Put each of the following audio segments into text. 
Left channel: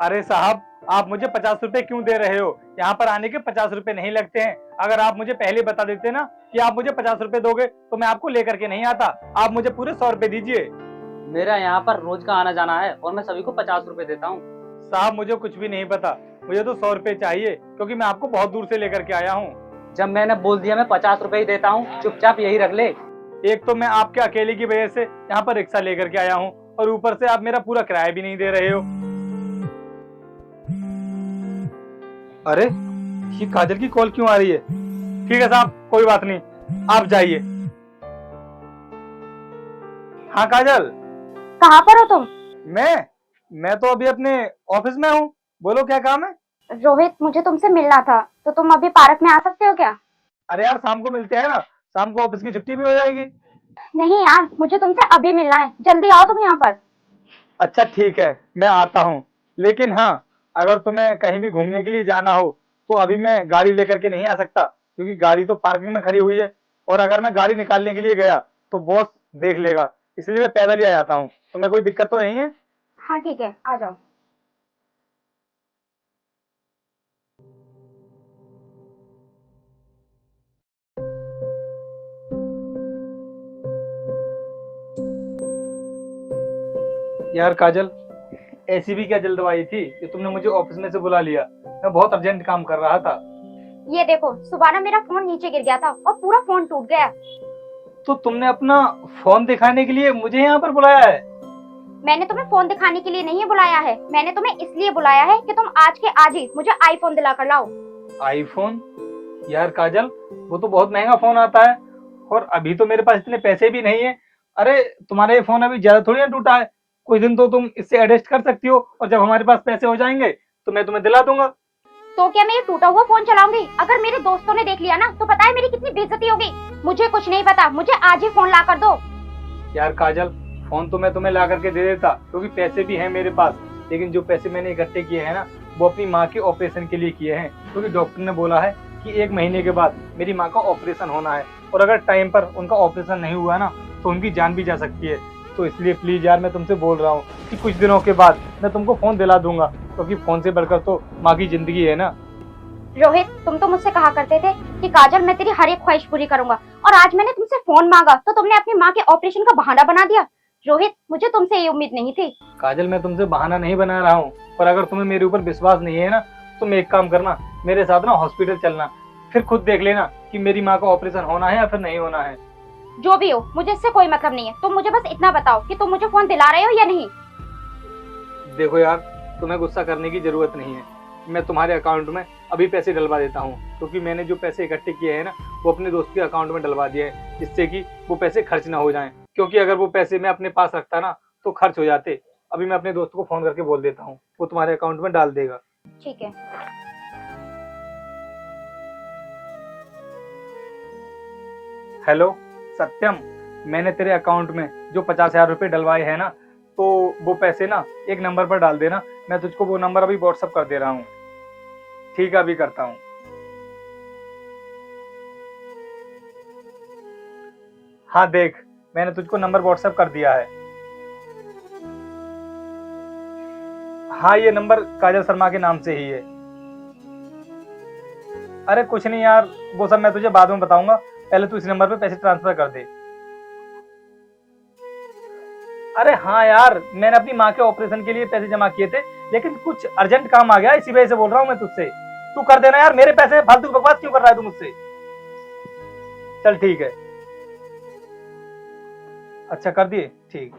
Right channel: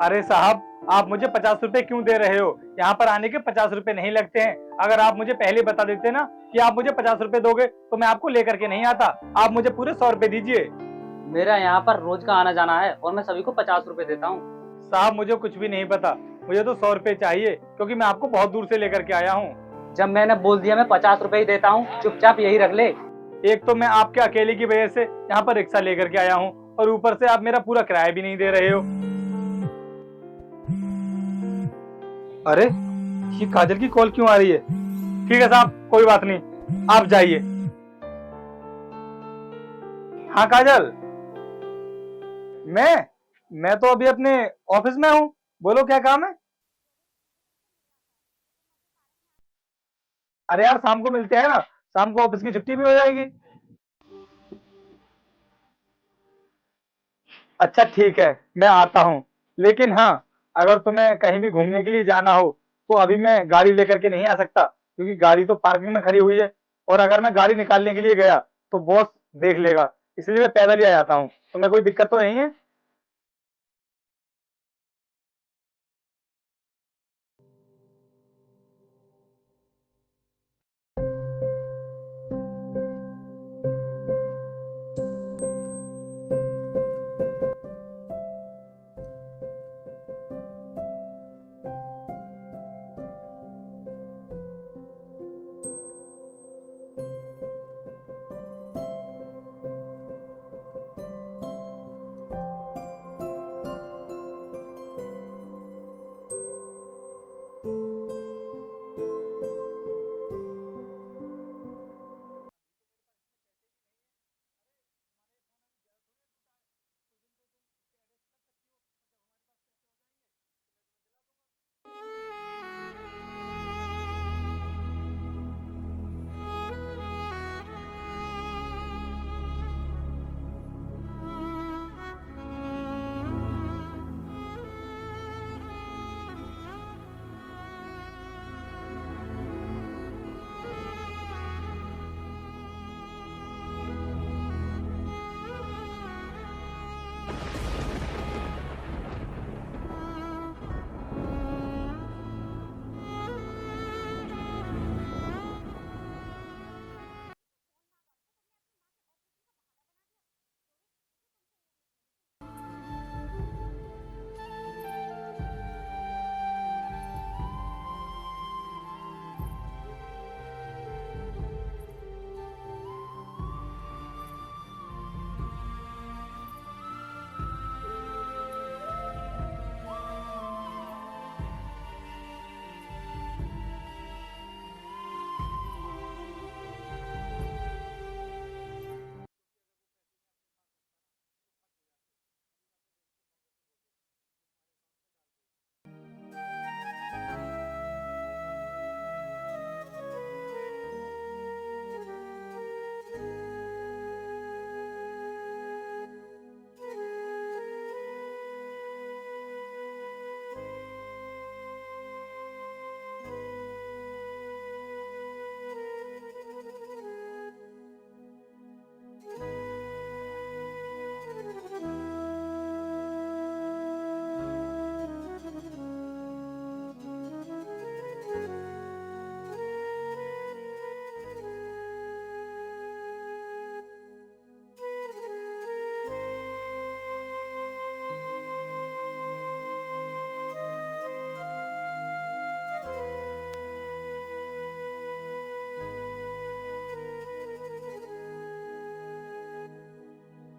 अरे साहब, आप मुझे 50 रुपए क्यों दे रहे हो? यहाँ पर आने के 50 रुपए नहीं लगते हैं। अगर आप मुझे पहले बता देते ना कि आप मुझे 50 रुपए दोगे तो मैं आपको लेकर के नहीं आता। आप मुझे पूरे 100 रुपए दीजिए। मेरा यहाँ पर रोज का आना जाना है और मैं सभी को 50 रुपए देता हूँ। साहब, मुझे कुछ भी नहीं पता। मुझे तो 100 रुपए चाहिए, क्योंकि मैं आपको बहुत दूर से लेकर के आया हूँ। जब मैंने बोल दिया मैं 50 रुपए ही देता हूँ, चुपचाप यही रख ले। एक तो मैं आपके अकेले की वजह से यहाँ पर रिक्शा लेकर के आया हूँ, और ऊपर से आप मेरा पूरा किराया भी नहीं दे रहे हो। अरे, ये काजल की कॉल क्यों आ रही है? ठीक है साहब, कोई बात नहीं, आप जाइए। हाँ काजल। कहाँ पर हो तुम? मैं तो अभी अपने ऑफिस में हूँ। बोलो, क्या काम है? रोहित, मुझे तुमसे मिलना था, तो तुम अभी पार्क में आ सकते हो क्या? अरे यार, शाम को मिलते हैं ना, शाम को ऑफिस की छुट्टी भी हो जाएगी। नहीं यार, मुझे तुमसे अभी मिलना है, जल्दी आओ तुम यहाँ पर। अच्छा ठीक है, मैं आता हूँ। लेकिन हाँ, अगर तुम्हें कहीं भी घूमने के लिए जाना हो तो अभी मैं गाड़ी लेकर के नहीं आ सकता, क्योंकि गाड़ी तो पार्किंग में खड़ी हुई है। और अगर मैं गाड़ी निकालने के लिए गया तो बॉस देख लेगा, इसलिए मैं पैदल ही आ जाता हूँ। तुम्हें कोई दिक्कत तो नहीं है? हाँ ठीक है, आ जाओ। यार काजल, ऐसी भी क्या जल्दबाजी थी कि तुमने मुझे ऑफिस में से बुला लिया? मैं बहुत अर्जेंट काम कर रहा था। ये देखो, सुबह ना मेरा फोन नीचे गिर गया था और पूरा फोन टूट गया। तो तुमने अपना फोन दिखाने के लिए मुझे यहाँ पर बुलाया है? मैंने तुम्हें फोन दिखाने के लिए नहीं बुलाया है, मैंने तुम्हें इसलिए बुलाया है कि तुम आज के आज ही मुझे आईफोन दिला कर लाओ। आईफोन? यार काजल, वो तो बहुत महंगा फोन आता है, और अभी तो मेरे पास इतने पैसे भी नहीं है। अरे, तुम्हारा ये फोन अभी ज्यादा थोड़ी ना टूटा है। कुछ दिन तो तुम इससे एडजस्ट कर सकती हो, और जब हमारे पास पैसे हो जाएंगे तो मैं तुम्हें दिला दूंगा। तो क्या मैं ये टूटा हुआ फोन चलाऊंगी? अगर मेरे दोस्तों ने देख लिया ना तो पता है मेरी कितनी बेइज्जती होगी। मुझे कुछ नहीं पता, मुझे आज ही फोन ला कर दो। यार काजल, फोन तो मैं तुम्हें ला करके दे देता, क्योंकि पैसे भी हैं मेरे पास। लेकिन जो पैसे मैंने इकट्ठे किए हैं ना, वो अपनी माँ के ऑपरेशन के लिए किए हैं, क्योंकि डॉक्टर ने बोला है कि 1 महीने के बाद मेरी माँ का ऑपरेशन होना है, और अगर टाइम पर उनका ऑपरेशन नहीं हुआ ना तो उनकी जान भी जा सकती है। तो इसलिए प्लीज यार, मैं तुमसे बोल रहा हूँ कि कुछ दिनों के बाद मैं तुमको फोन दिला दूंगा, क्योंकि फोन से बढ़कर तो माँ की जिंदगी है ना। रोहित, तुम तो मुझसे कहा करते थे कि काजल मैं तेरी हर एक ख्वाहिश पूरी करूंगा, और आज मैंने तुमसे फोन मांगा तो तुमने अपनी माँ के ऑपरेशन का बहाना बना दिया। रोहित, मुझे तुमसे ये उम्मीद नहीं थी। काजल, मैं तुमसे बहाना नहीं बना रहा हूँ, पर अगर तुम्हें मेरे ऊपर विश्वास नहीं है ना, तुम एक काम करना, मेरे साथ ना हॉस्पिटल चलना, फिर खुद देख लेना कि मेरी माँ का ऑपरेशन होना है या फिर नहीं होना है। जो भी हो, मुझे इससे कोई मतलब नहीं है। तुम मुझे बस इतना बताओ कि तुम मुझे फोन दिला रहे हो या नहीं। देखो यार, तुम्हें गुस्सा करने की जरूरत नहीं है। मैं तुम्हारे अकाउंट में अभी पैसे डलवा देता हूँ, क्योंकि मैंने जो पैसे इकट्ठे किए हैं ना, वो अपने दोस्त के अकाउंट में डलवा दिए हैं, जिससे कि वो पैसे खर्च ना हो जाएं। क्योंकि अगर वो पैसे मैं अपने पास रखता ना तो खर्च हो जाते। अभी मैं अपने दोस्त को फोन करके बोल देता हूँ, वो तुम्हारे अकाउंट में डाल देगा। ठीक है। हेलो सत्यम, मैंने तेरे अकाउंट में जो 50,000 रुपये डलवाए हैं ना, तो वो पैसे ना एक नंबर पर डाल देना। मैं तुझको वो नंबर अभी व्हाट्सअप कर दे रहा हूँ। ठीक है, अभी करता हूँ। हाँ देख, मैंने तुझको नंबर व्हाट्सएप कर दिया है। हाँ, ये नंबर काजल शर्मा के नाम से ही है। अरे कुछ नहीं यार, वो सब मैं तुझे बाद में बताऊंगा, पहले तू इस नंबर पे पैसे ट्रांसफर कर दे। अरे हाँ यार, मैंने अपनी माँ के ऑपरेशन के लिए पैसे जमा किए थे, लेकिन कुछ अर्जेंट काम आ गया, इसी वजह से बोल रहा हूँ मैं तुझसे। तू कर देना यार, मेरे पैसे फालतू बकवास क्यों कर रहा है तू मुझसे? चल ठीक है। अच्छा कर दिए, ठीक।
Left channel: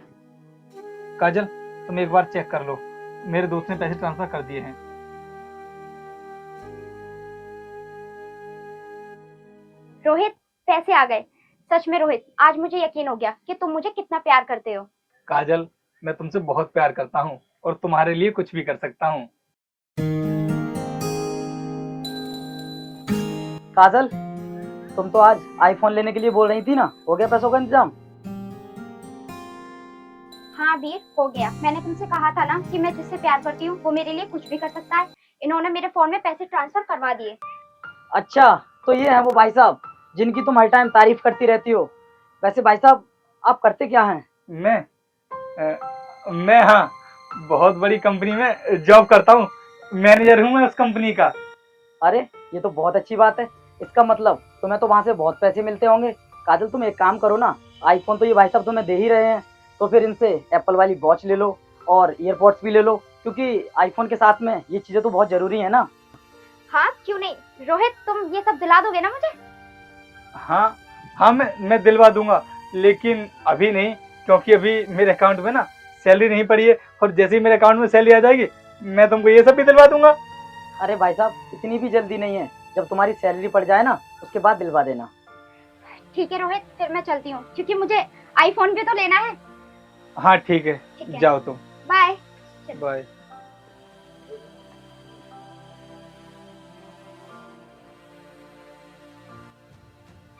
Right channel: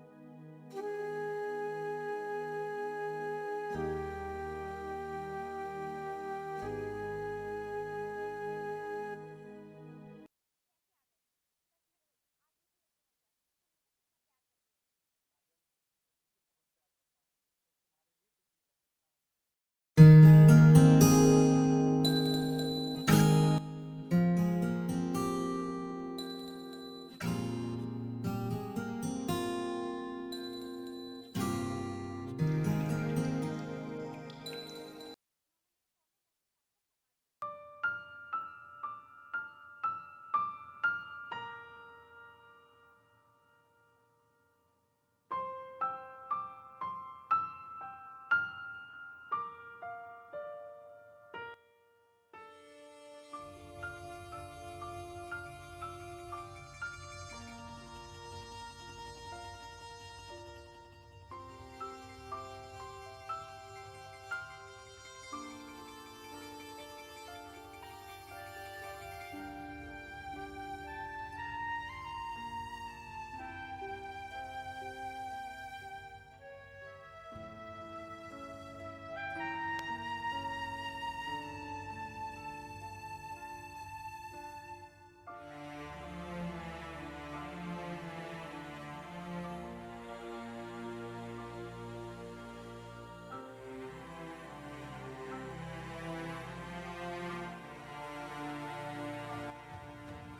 काजल, तुम एक बार चेक कर लो, मेरे दोस्त ने पैसे ट्रांसफर कर दिए हैं। रोहित, पैसे आ गए। सच में रोहित, आज मुझे यकीन हो गया कि तुम मुझे कितना प्यार करते हो। काजल, मैं तुमसे बहुत प्यार करता हूँ, और तुम्हारे लिए कुछ भी कर सकता हूँ। काजल, तुम तो आज आईफोन लेने के लिए बोल रही थी ना, हो गया पैसों का इंतजाम? हाँ वीर, हो गया। मैंने तुमसे कहा था ना कि मैं जिससे प्यार करती हूँ वो मेरे लिए कुछ भी कर सकता है। इन्होंने मेरे फोन में पैसे ट्रांसफर करवा दिए। अच्छा, तो ये है वो भाई साहब जिनकी तुम हर टाइम तारीफ करती रहती हो। वैसे भाई साहब, आप करते क्या हैं? मैं हाँ, बहुत बड़ी कंपनी में जॉब करता हूँ, मैनेजर हूँ मैं उस कंपनी का। अरे ये तो बहुत अच्छी बात है। इसका मतलब तुम्हें तो वहाँ से बहुत पैसे मिलते होंगे। काजल तुम एक काम करो ना, आईफोन तो ये भाई साहब तुम्हें दे ही रहे हैं, तो फिर इनसे एप्पल वाली वॉच ले लो और ईयरपॉड्स भी ले लो, क्योंकि आईफोन के साथ में ये चीज़ें तो बहुत ज़रूरी है ना। हाँ क्यों नहीं, रोहित तुम ये सब दिला दोगे ना मुझे? हाँ हाँ, मैं दिलवा दूंगा, लेकिन अभी नहीं, क्योंकि अभी मेरे अकाउंट में ना सैलरी नहीं पड़ी है, और जैसे ही मेरे अकाउंट में सैलरी आ जाएगी मैं तुमको ये सब भी दिलवा दूंगा। अरे भाई साहब इतनी भी जल्दी नहीं है, जब तुम्हारी सैलरी पड़ जाए ना उसके बाद दिलवा देना। ठीक है रोहित, फिर मैं चलती हूँ क्योंकि मुझे आईफोन भी तो लेना है। हाँ ठीक है, ठीक है, जाओ तुम। बाय। बाय।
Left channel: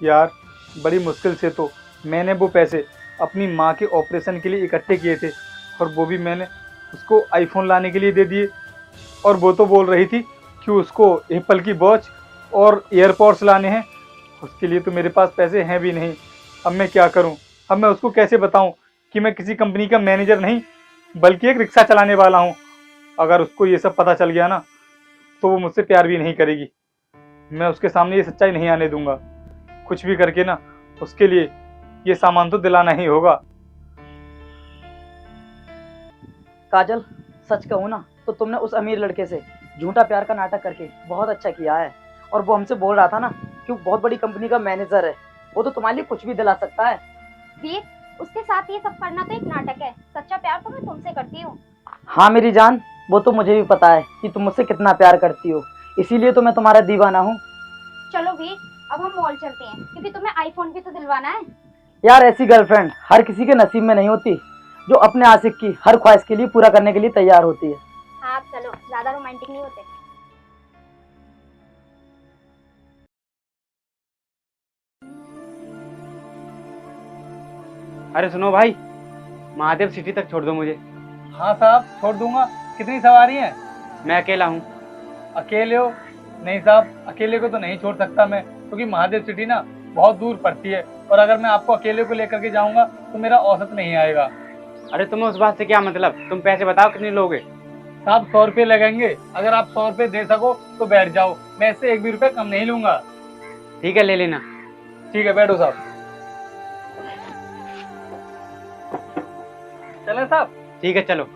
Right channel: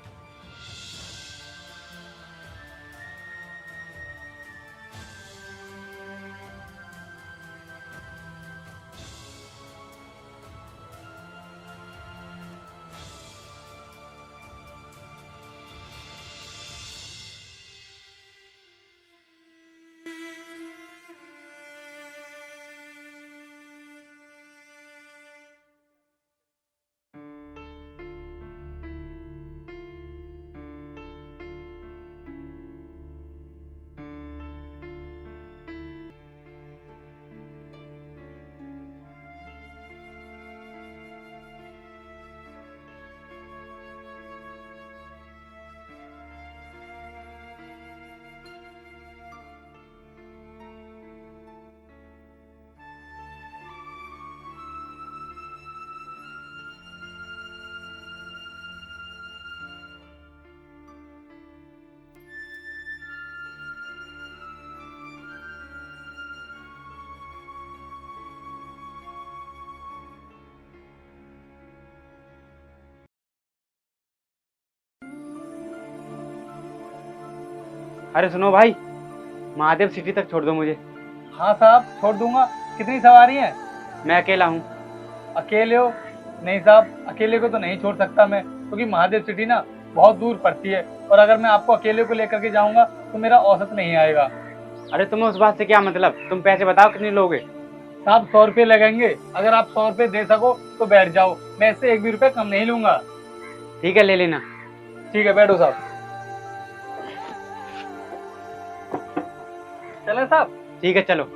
यार बड़ी मुश्किल से तो मैंने वो पैसे अपनी माँ के ऑपरेशन के लिए इकट्ठे किए थे, और वो भी मैंने उसको आईफोन लाने के लिए दे दिए, और वो तो बोल रही थी कि उसको एप्पल की वॉच और एयरपॉड्स लाने हैं। उसके लिए तो मेरे पास पैसे हैं भी नहीं। अब मैं क्या करूं? अब मैं उसको कैसे बताऊं कि मैं किसी कंपनी का मैनेजर नहीं बल्कि एक रिक्शा चलाने वाला हूं? अगर उसको ये सब पता चल गया ना तो वो मुझसे प्यार भी नहीं करेगी। मैं उसके सामने ये सच्चाई नहीं आने दूंगा। कुछ भी करके ना उसके लिए ये सामान तो दिलाना ही होगा। काजल सच कहूँ ना तो तुमने उस अमीर लड़के से झूठा प्यार का नाटक करके बहुत अच्छा किया है। और वो हमसे बोल रहा था ना कि वो बहुत बड़ी कंपनी का मैनेजर है, वो तो तुम्हारे लिए कुछ भी दिला सकता है। वीर, उसके साथ ये सब करना तो एक नाटक है, सच्चा प्यार तो मैं तुमसे करती हूँ। हाँ मेरी जान, वो तो मुझे भी पता है कि तुम मुझसे कितना प्यार करती हो, इसीलिए तो मैं तुम्हारा दीवाना हूँ। चलो वीर, अब हम मॉल चलते हैं क्योंकि तुम्हें आईफोन भी तो दिलवाना है। यार ऐसी गर्लफ्रेंड हर किसी के नसीब में नहीं होती, जो अपने आशिक की हर ख्वाहिश के लिए पूरा करने के लिए तैयार होती है। हाँ चलो, ज्यादा रोमांटिक नहीं होते। अरे सुनो भाई, महादेव सिटी तक छोड़ दो मुझे। हाँ साहब, छोड़ दूंगा। कितनी सवारी है? मैं अकेला हूँ। अकेले हो? नहीं साहब, अकेले को तो नहीं छोड़ सकता मैं, क्योंकि महादेव सिटी ना बहुत दूर पड़ती है, और अगर मैं आपको अकेले को लेकर के जाऊंगा तो मेरा औसत नहीं आएगा। अरे तुम्हें उस बात से क्या मतलब, तुम पैसे बताओ कितने लोगे। साहब 100 रुपये लगेंगे, अगर आप 100 रुपये दे सको तो बैठ जाओ, मैं इससे 1 भी रुपये कम नहीं लूंगा। ठीक है ले लेना। ठीक है, बैठो साहब। चले साहब? ठीक है चलो।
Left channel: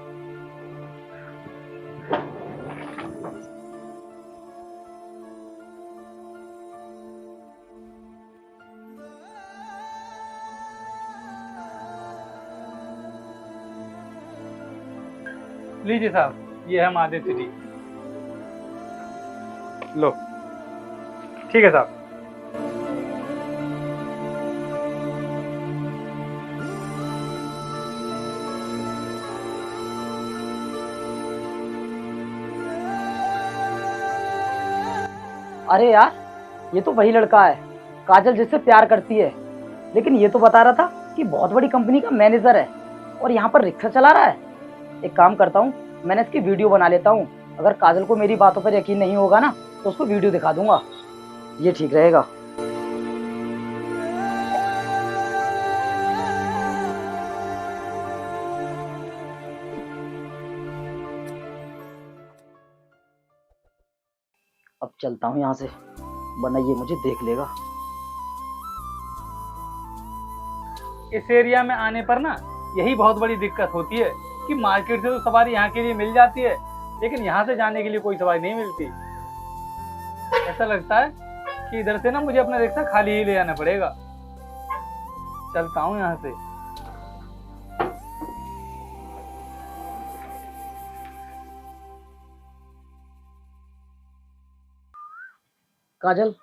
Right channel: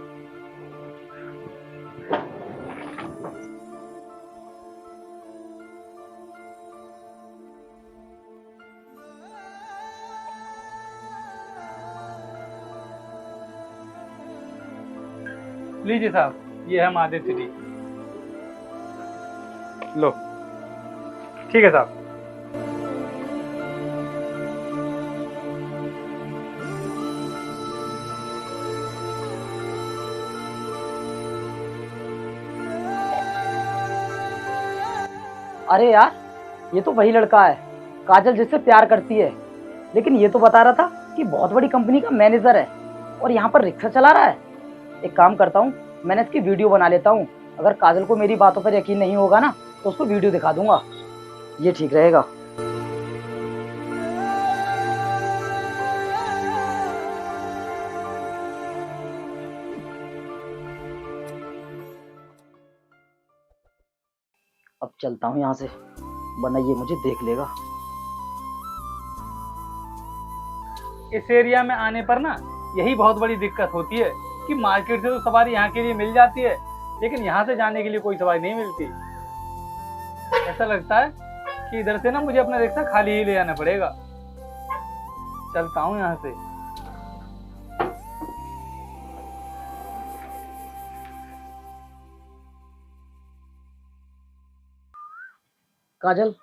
लीजिए साहब, ये है महादेव सिटी। लो। ठीक है साहब। अरे यार ये तो वही लड़का है काजल जिससे प्यार करती है, लेकिन ये तो बता रहा था कि बहुत बड़ी कंपनी का मैनेजर है और यहाँ पर रिक्शा चला रहा है। एक काम करता हूँ, मैंने इसकी वीडियो बना लेता हूँ। अगर काजल को मेरी बातों पर यकीन नहीं होगा ना तो उसको वीडियो दिखा दूंगा, ये ठीक रहेगा। अब चलता हूँ यहाँ से, वरना ये मुझे देख लेगा। इस एरिया में आने पर ना यही बहुत बड़ी दिक्कत होती है कि मार्केट से तो सवारी यहाँ के लिए मिल जाती है, लेकिन यहाँ से जाने के लिए कोई सवारी नहीं मिलती। ऐसा लगता है कि इधर से ना मुझे अपना रिक्शा खाली ही ले आना पड़ेगा। चलता हूँ यहाँ से। काजल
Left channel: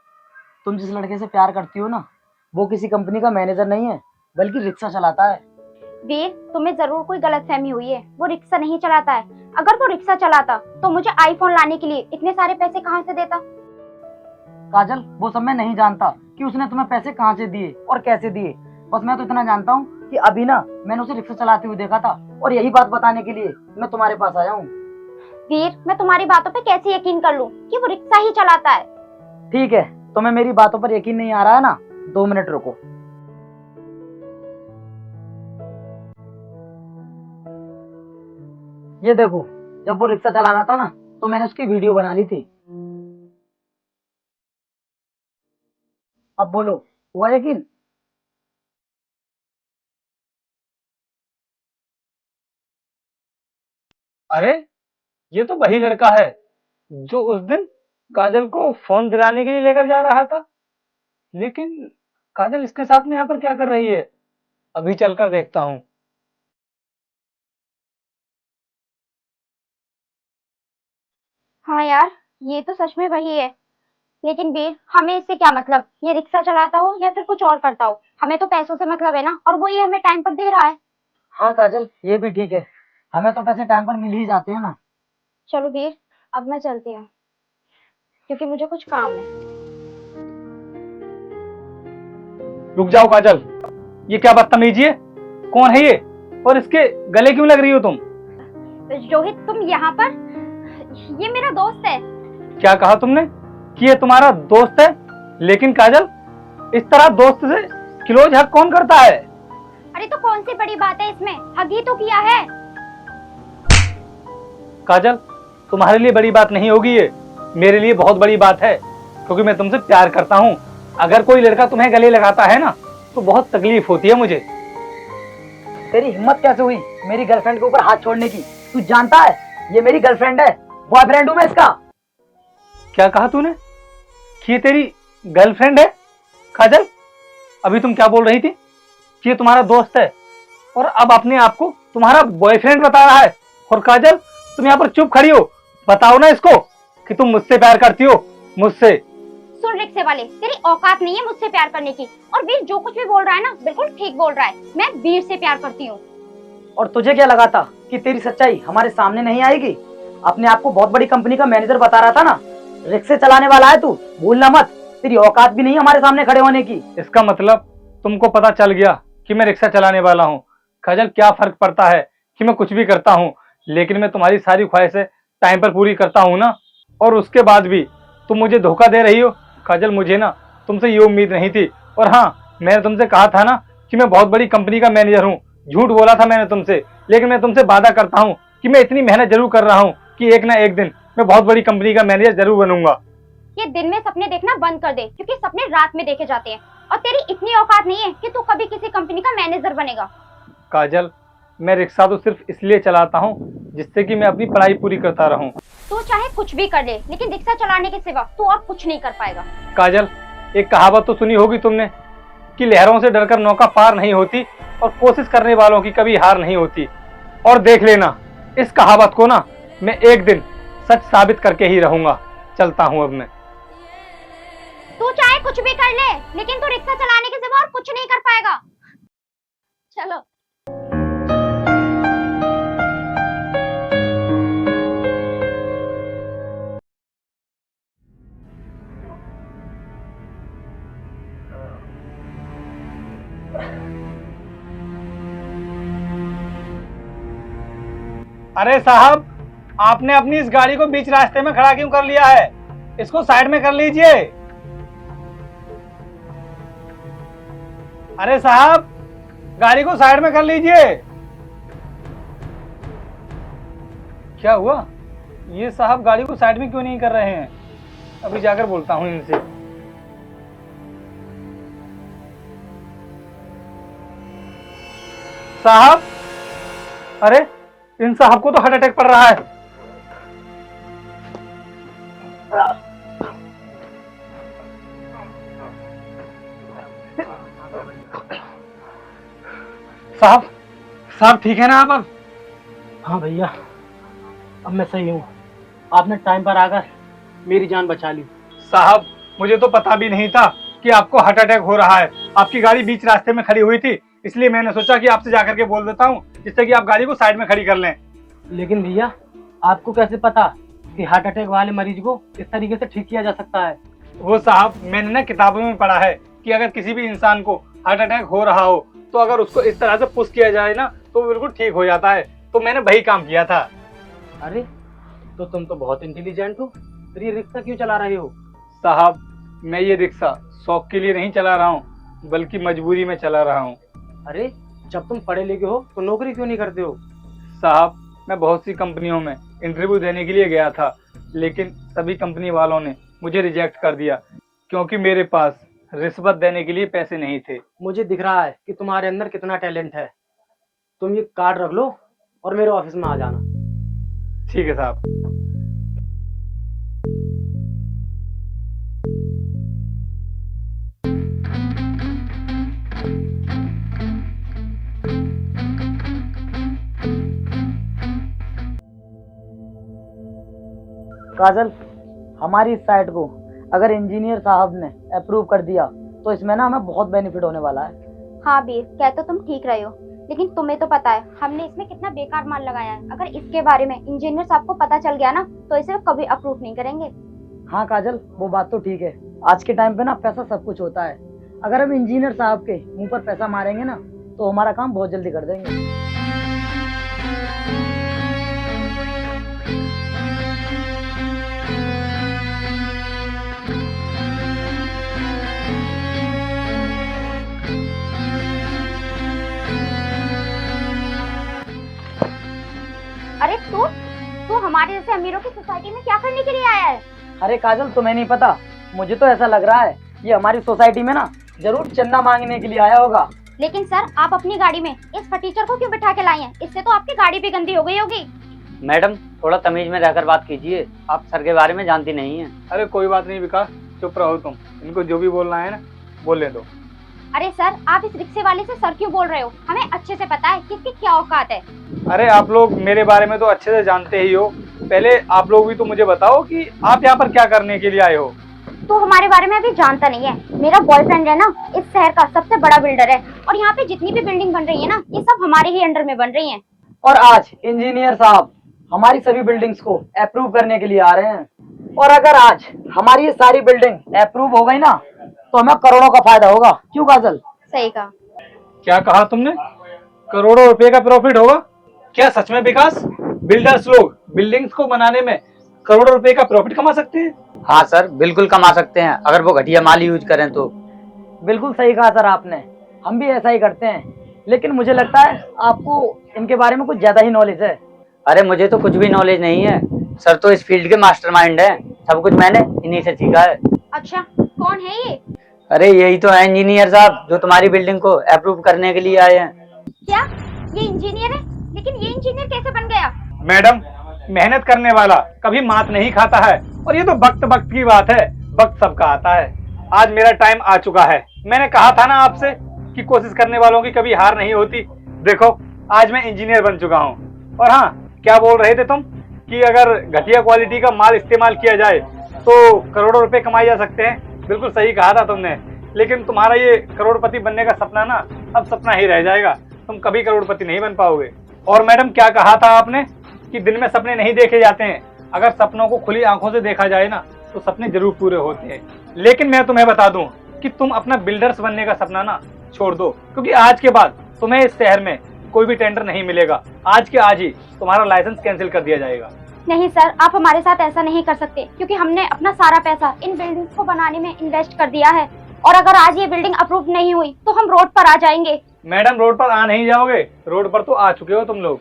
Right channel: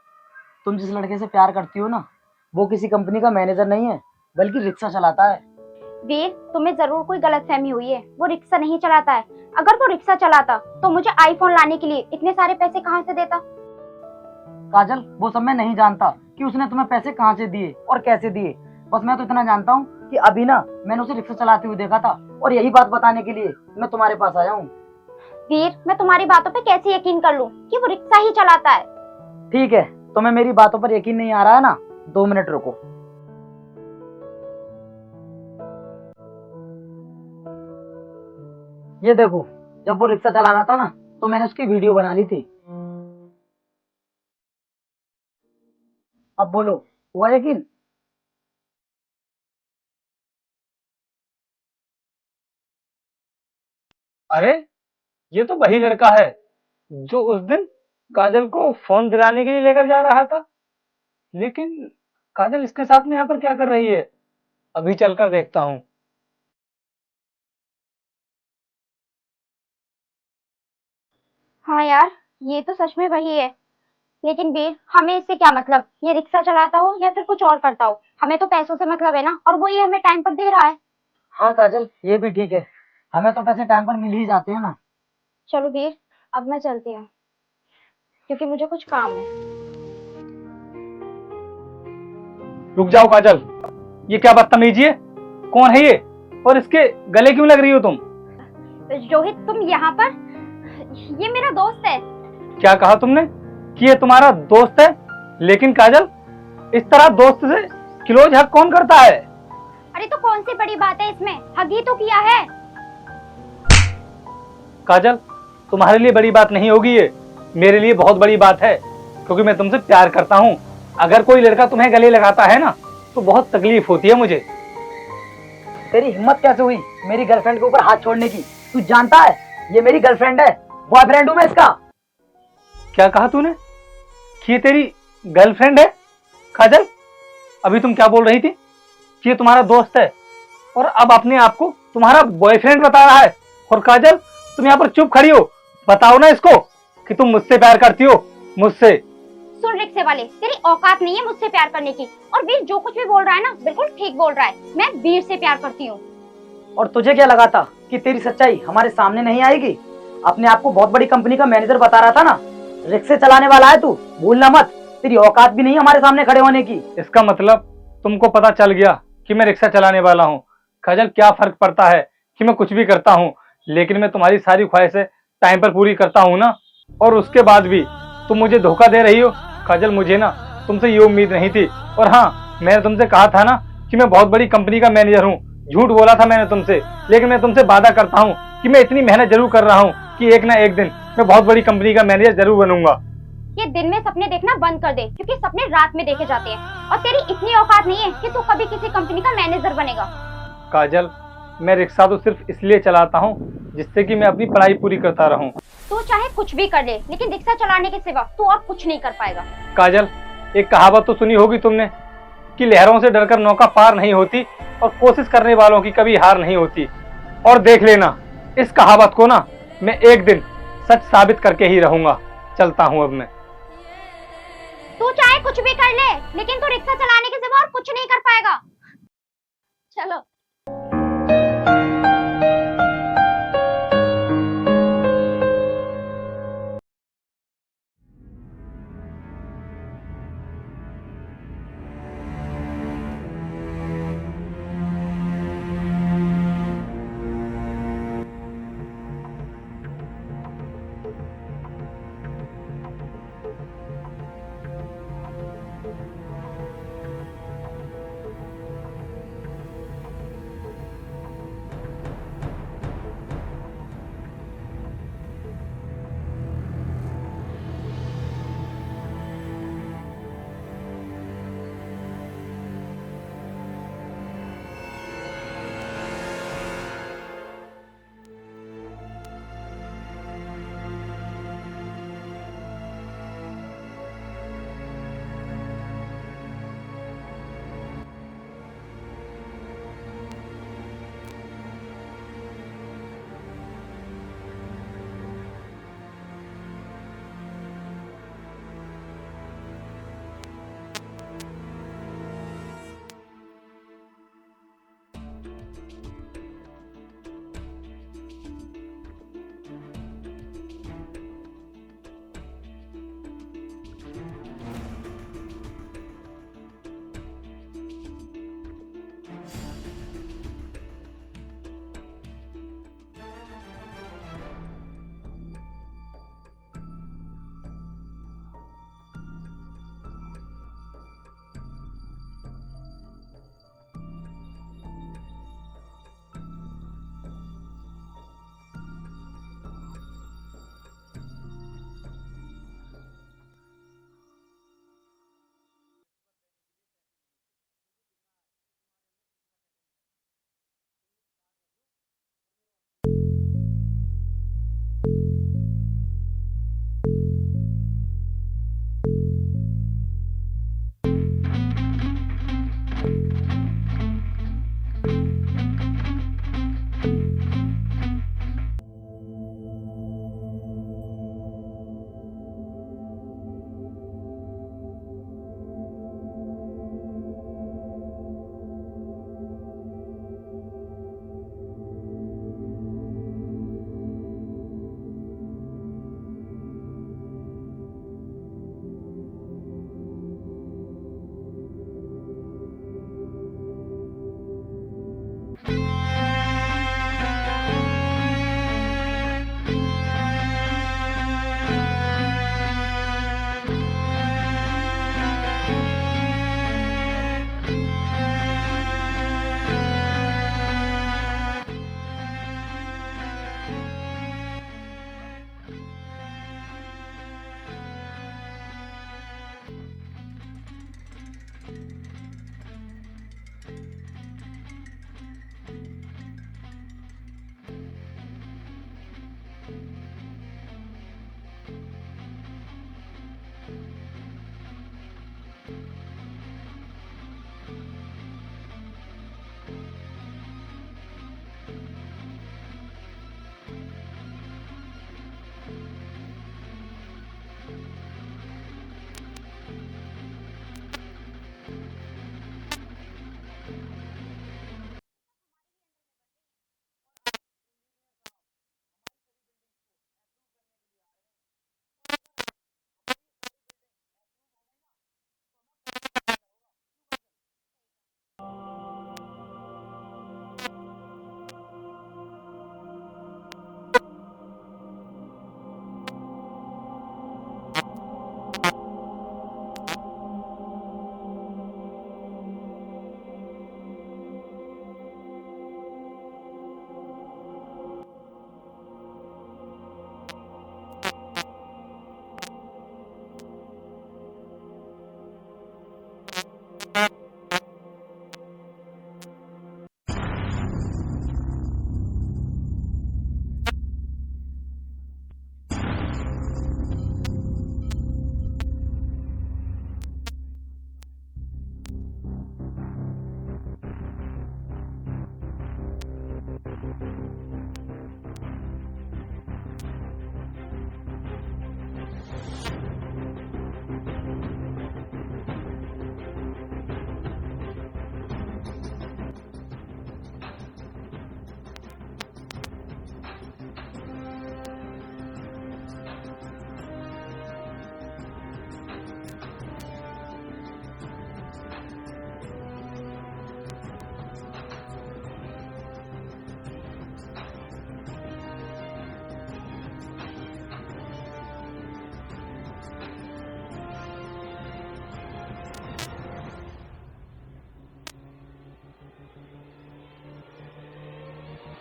तुम जिस लड़के से प्यार करती हो ना वो किसी कंपनी का मैनेजर नहीं है बल्कि रिक्शा चलाता है। वीर, तुम्हें जरूर कोई गलतफहमी हुई है, वो रिक्शा नहीं चलाता है। अगर वो रिक्शा चलाता तो मुझे आईफोन लाने के लिए इतने सारे पैसे कहाँ से देता? काजल वो सब मैं नहीं जानता कि उसने तुम्हें पैसे कहाँ से दिए और कैसे दिए, बस मैं तो इतना जानता हूँ कि अभी ना मैंने उसे रिक्शा चलाते हुए देखा था और यही बात बताने के लिए मैं तुम्हारे पास आया हूँ। वीर, मैं तुम्हारी बातों पे कैसे यकीन कर लूं कि वो रिक्शा ही चलाता है? ठीक है, तुम्हें मेरी बातों पर यकीन नहीं आ रहा है ना, 2 मिनट रुको। ये देखो, जब वो रिक्शा चला रहा था ना तो मैंने उसकी वीडियो बना ली थी। अब बोलो, हुआ यकीन? अरे ये तो वही लड़का है जो उस दिन काजल को फोन दिलाने के लिए लेकर जा रहा था। लेकिन काजल इसके साथ में यहाँ पर क्या कर रही है? अभी चलकर देखता हूँ। हाँ यार, ये तो सच में वही है। लेकिन वीर, हमें इससे क्या मतलब, ये रिक्शा चलाता हो या फिर कुछ और करता हो, हमें तो पैसों से मतलब है ना, और वो ये हमें टाइम पर दे रहा है। हाँ काजल, ये भी ठीक है, हमें तो पैसे टाइम पर मिल ही जाते हैं ना। चलो वीर, अब मैं चलती हूँ क्योंकि मुझे कुछ काम है। रुक जाओ काजल, ये क्या बदतमीजी है? कौन है ये और इसके गले क्यों लग रही हो तुम? रोहित, तुम यहाँ पर? ये मेरा दोस्त है। क्या कहा तुमने कि ये तुम्हारा दोस्त है? लेकिन काजल, इस तरह दोस्त से क्लोज हक कौन करता है? अरे तो कौन सी बड़ी बात है इसमें, हग ही तो किया है। काजल, तुम्हारे लिए बड़ी बात नहीं होगी ये, मेरे लिए बहुत बड़ी बात है, क्योंकि मैं तुमसे प्यार करता हूँ। अगर कोई लड़का तुम्हें गले लगाता है ना तो बहुत तकलीफ होती है मुझे। तेरी हिम्मत कैसे हुई मेरी गर्लफ्रेंड के ऊपर हाथ छोड़ने की? तू जानता है ये मेरी गर्लफ्रेंड है, बॉयफ्रेंड हूँ मैं इसका। क्या कहा तूने कि ये तेरी गर्लफ्रेंड है? काजल, अभी तुम क्या बोल रही थी कि ये तुम्हारा दोस्त है और अब अपने आप को तुम्हारा बॉयफ्रेंड बता रहा है? और काजल, तुम यहाँ पर चुप खड़ी हो, बताओ ना इसको कि तुम मुझसे प्यार करती हो, मुझसे। सुन रिक्शे वाले, तेरी औकात नहीं है मुझसे प्यार करने की। और वीर जो कुछ भी बोल रहा है ना, बिल्कुल ठीक बोल रहा है। मैं वीर से प्यार करती हूँ। और तुझे क्या लगा था कि तेरी सच्चाई हमारे सामने नहीं आएगी? अपने आप को बहुत बड़ी कंपनी का मैनेजर बता रहा था ना, रिक्शे चलाने वाला है तू, भूलना मत। तेरी औकात भी नहीं हमारे सामने खड़े होने की। इसका मतलब तुमको पता चल गया कि मैं रिक्शा चलाने वाला हूँ। काजल, क्या फर्क पड़ता है कि मैं कुछ भी करता हूँ, लेकिन मैं तुम्हारी सारी ख्वाहिशें टाइम पर पूरी करता हूँ ना। और उसके बाद भी तुम मुझे धोखा दे रही हो। काजल, मुझे ना तुमसे ये उम्मीद नहीं थी। और हाँ, मैंने तुमसे कहा था ना कि मैं बहुत बड़ी कंपनी का मैनेजर हूँ। झूठ बोला था मैंने तुमसे, लेकिन मैं तुमसे वादा करता हूँ कि मैं इतनी मेहनत जरूर कर रहा हूँ कि एक ना एक दिन मैं बहुत बड़ी कंपनी का मैनेजर जरूर बनूंगा। ये दिन में सपने देखना बंद कर दे, क्योंकि सपने रात में देखे जाते हैं। और तेरी इतनी औकात नहीं है कि तू कभी किसी कंपनी का मैनेजर बनेगा। काजल, मैं रिक्शा तो सिर्फ इसलिए चलाता हूँ जिससे कि मैं अपनी पढ़ाई पूरी करता रहूं। तू चाहे कुछ भी कर ले, लेकिन रिक्शा चलाने के सिवा तू और कुछ नहीं कर पाएगा। काजल, एक कहावत तो सुनी होगी तुमने कि लहरों से डरकर नौका पार नहीं होती और कोशिश करने वालों की कभी हार नहीं होती। और देख लेना, इस कहावत को ना मैं एक दिन सच साबित करके ही रहूंगा। चलता हूं अब मैं। तू चाहे कुछ भी कर ले, लेकिन तू रिक्शा चलाने के सिवा और कुछ नहीं कर पाएगा। चलो। अरे साहब, आपने अपनी इस गाड़ी को बीच रास्ते में खड़ा क्यों कर लिया है? इसको साइड में कर लीजिए। अरे साहब, गाड़ी को साइड में कर लीजिए। क्या हुआ? ये साहब गाड़ी को साइड में क्यों नहीं कर रहे हैं? अभी जाकर बोलता हूँ इनसे। साहब, अरे इन साहब को तो हार्ट अटैक पड़ रहा है। साहब, साहब ठीक है ना आप अब? हाँ भैया, अब मैं सही हूँ। आपने टाइम पर आकर मेरी जान बचा ली। साहब, मुझे तो पता भी नहीं था कि आपको हार्ट अटैक हो रहा है। आपकी गाड़ी बीच रास्ते में खड़ी हुई थी, इसलिए मैंने सोचा कि आपसे जाकर के बोल देता हूँ, जिससे कि आप गाड़ी को साइड में खड़ी कर लें। लेकिन भैया, आपको कैसे पता कि हार्ट अटैक वाले मरीज को इस तरीके से ठीक किया जा सकता है? वो साहब, मैंने ना किताबों में पढ़ा है कि अगर किसी भी इंसान को हार्ट अटैक हो रहा हो तो अगर उसको इस तरह से पुश किया जाए ना तो वो बिल्कुल ठीक हो जाता है। तो मैंने वही काम किया था। अरे तो तुम तो बहुत इंटेलिजेंट हो, फिर ये रिक्शा क्यों चला रहे हो? साहब, मैं ये रिक्शा शौक के लिए नहीं चला रहा हूँ, बल्कि मजबूरी में चला रहा हूँ। अरे जब तुम पढ़े लिखे हो तो नौकरी क्यों नहीं करते हो? साहब, मैं बहुत सी कंपनियों में इंटरव्यू देने के लिए गया था, लेकिन सभी कंपनी वालों ने मुझे रिजेक्ट कर दिया क्योंकि मेरे पास रिश्वत देने के लिए पैसे नहीं थे। मुझे दिख रहा है कि तुम्हारे अंदर कितना टैलेंट है। तुम ये कार्ड रख लो और मेरे ऑफिस में आ जाना। ठीक है साहब। काजल, हमारी इस साइट को अगर इंजीनियर साहब ने अप्रूव कर दिया तो इसमें ना हमें बहुत बेनिफिट होने वाला है। हाँ वीर, कह तो तुम ठीक रहे हो, लेकिन तुम्हें तो पता है हमने इसमें कितना बेकार माल लगाया है। अगर इसके बारे में इंजीनियर साहब को पता चल गया ना तो इसे कभी अप्रूव नहीं करेंगे। हाँ काजल, वो बात तो ठीक है। आज के टाइम पे ना पैसा सब कुछ होता है। अगर हम इंजीनियर साहब के मुंह पर पैसा मारेंगे ना तो हमारा काम बहुत जल्दी कर देंगे। अरे तू हमारे जैसे अमीरों की सोसाइटी में क्या करने के लिए आया है? अरे काजल, तुम्हें नहीं पता, मुझे तो ऐसा लग रहा है ये हमारी सोसाइटी में ना जरूर चंदा मांगने के लिए आया होगा। लेकिन सर, आप अपनी गाड़ी में इस फटीचर को क्यों बिठा के लाई हैं? इससे तो आपकी गाड़ी भी गंदी हो गई होगी। मैडम, थोड़ा तमीज में रहकर बात कीजिए, आप सर के बारे में जानती नहीं है। अरे कोई बात नहीं विकास, चुप रहो तुम। इनको जो भी बोलना है ना बोलने दो। अरे सर, आप इस रिक्शे वाले से सर क्यों बोल रहे हो? हमें अच्छे से पता है किसकी क्या औकात है। अरे आप लोग मेरे बारे में तो अच्छे से जानते ही हो, पहले आप लोग भी तो मुझे बताओ कि आप यहाँ पर क्या करने के लिए आए हो। तू हमारे बारे में अभी जानता नहीं है। मेरा बॉयफ्रेंड है ना, इस शहर का सबसे बड़ा बिल्डर है और यहाँ पे जितनी भी बिल्डिंग बन रही है ना, ये सब हमारे ही अंडर में बन रही है। और आज इंजीनियर साहब हमारी सभी बिल्डिंग्स को अप्रूव करने के लिए आ रहे हैं। और अगर आज हमारी ये सारी बिल्डिंग अप्रूव हो गई ना तो हमें करोड़ों का फायदा होगा। क्यों काजल? सही कहा। क्या कहा तुमने? करोड़ों रुपए का प्रॉफिट होगा? क्या सच में विकास, बिल्डर्स लोग बिल्डिंग्स को बनाने में करोड़ों रुपए का प्रॉफिट कमा सकते हैं? हाँ सर, बिल्कुल कमा सकते हैं अगर वो घटिया माल यूज करें तो। बिल्कुल सही कहा सर आपने, हम भी ऐसा ही करते हैं। लेकिन मुझे लगता है आपको इनके बारे में कुछ ज्यादा ही नॉलेज है। अरे मुझे तो कुछ भी नॉलेज नहीं है, सर तो इस फील्ड के मास्टरमाइंड हैं, सब कुछ मैंने इन्हीं से सीखा है। अच्छा, कौन है ये? अरे यही तो है इंजीनियर साहब जो तुम्हारी बिल्डिंग को अप्रूव करने के लिए आए हैं। क्या ये इंजीनियर है? लेकिन ये इंजीनियर कैसे बन गया? मैडम, मेहनत करने वाला कभी मात नहीं खाता है, और ये तो वक्त वक्त की बात है, वक्त सबका आता है। आज मेरा टाइम आ चुका है। मैंने कहा था ना आपसे कि कोशिश करने वालों की कभी हार नहीं होती। देखो, आज मैं इंजीनियर बन चुका हूँ। और हाँ, क्या बोल रहे थे तुम कि अगर घटिया क्वालिटी का माल इस्तेमाल किया जाए तो करोड़ों रुपए कमाए जा सकते हैं? बिल्कुल सही कहा था तुमने, लेकिन तुम्हारा ये करोड़पति बनने का सपना ना अब सपना ही रह जाएगा। तुम कभी करोड़पति नहीं बन पाओगे। और मैडम, क्या कहा था आपने कि दिन में सपने नहीं देखे जाते हैं? अगर सपनों को खुली आंखों से देखा जाए ना तो सपने जरूर पूरे होते हैं। लेकिन मैं तुम्हें बता दूं कि तुम अपना बिल्डर्स बनने का सपना ना छोड़ दो, क्योंकि आज के बाद तुम्हें इस शहर में कोई भी टेंडर नहीं मिलेगा। आज के आज ही तुम्हारा लाइसेंस कैंसिल कर दिया जाएगा। नहीं सर, आप हमारे साथ ऐसा नहीं कर सकते, क्योंकि हमने अपना सारा पैसा इन बिल्डिंग्स को बनाने में इन्वेस्ट कर दिया है। और अगर आज ये बिल्डिंग अप्रूव नहीं हुई तो हम रोड पर आ जाएंगे। मैडम, रोड पर आ नहीं जाओगे, रोड पर तो आ चुके हो तुम लोग।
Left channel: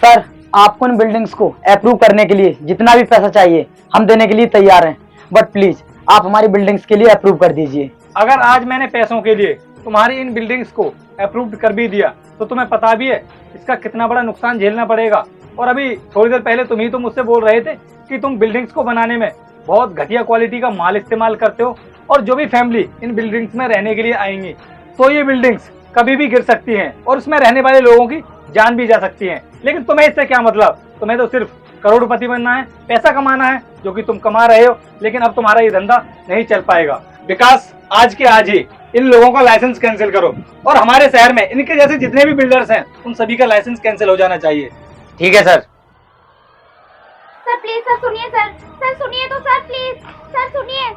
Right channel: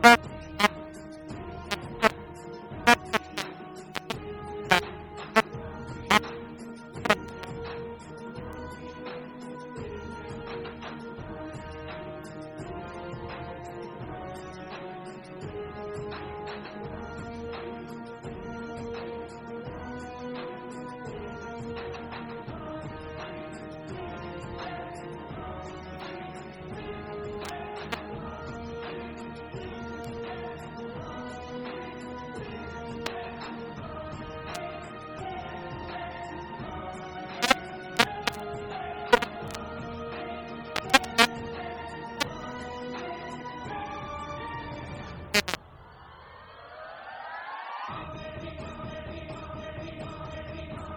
सर, आपको इन बिल्डिंग्स को अप्रूव करने के लिए जितना भी पैसा चाहिए हम देने के लिए तैयार हैं, बट प्लीज आप हमारी बिल्डिंग्स के लिए अप्रूव कर दीजिए। अगर आज मैंने पैसों के लिए तुम्हारी इन बिल्डिंग्स को अप्रूव कर भी दिया तो तुम्हें पता भी है इसका कितना बड़ा नुकसान झेलना पड़ेगा। और अभी थोड़ी देर पहले तुम ही तो मुझसे बोल रहे थे कि तुम बिल्डिंग्स को बनाने में बहुत घटिया क्वालिटी का माल इस्तेमाल करते हो, और जो भी फैमिली इन बिल्डिंग्स में रहने के लिए आएंगी तो ये बिल्डिंग्स कभी भी गिर सकती हैं और उसमें रहने वाले लोगों की जान भी जा सकती है। लेकिन तुम्हें इससे क्या मतलब? तुम्हें तो सिर्फ करोड़पति बनना है, पैसा कमाना है, जो कि तुम कमा रहे हो। लेकिन अब तुम्हारा ये धंधा नहीं चल पाएगा। विकास, आज के आज ही इन लोगों का लाइसेंस कैंसिल करो, और हमारे शहर में इनके जैसे जितने भी बिल्डर्स हैं उन सभी का लाइसेंस कैंसिल हो जाना चाहिए। ठीक है सर। सर प्लीज, सर सुनिए, सर सुनिए तो, सर प्लीज, सर सुनिए।